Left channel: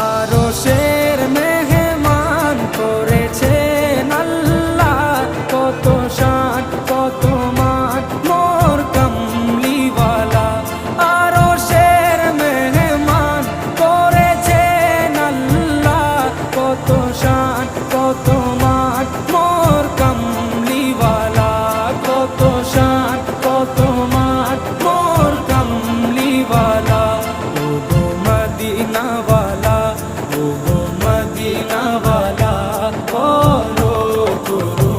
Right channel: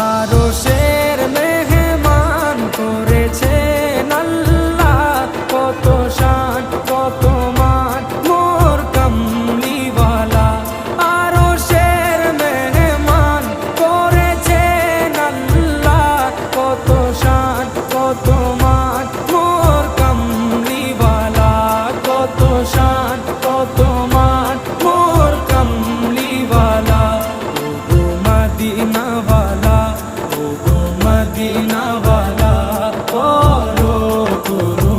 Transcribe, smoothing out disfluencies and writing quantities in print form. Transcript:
আরশের মেহমান করেছেন আল্লাহ, কত শান কত মান মোর কামলিওয়ালা। আরশের মেহমান করেছেন আল্লাহ, কত শান কত মান মোর কামলিওয়ালা, কত শান কত মান মোর কামলিওয়ালা। ও গো মদিনাওয়ালা, ও গো মদিনাওয়ালা, করো করো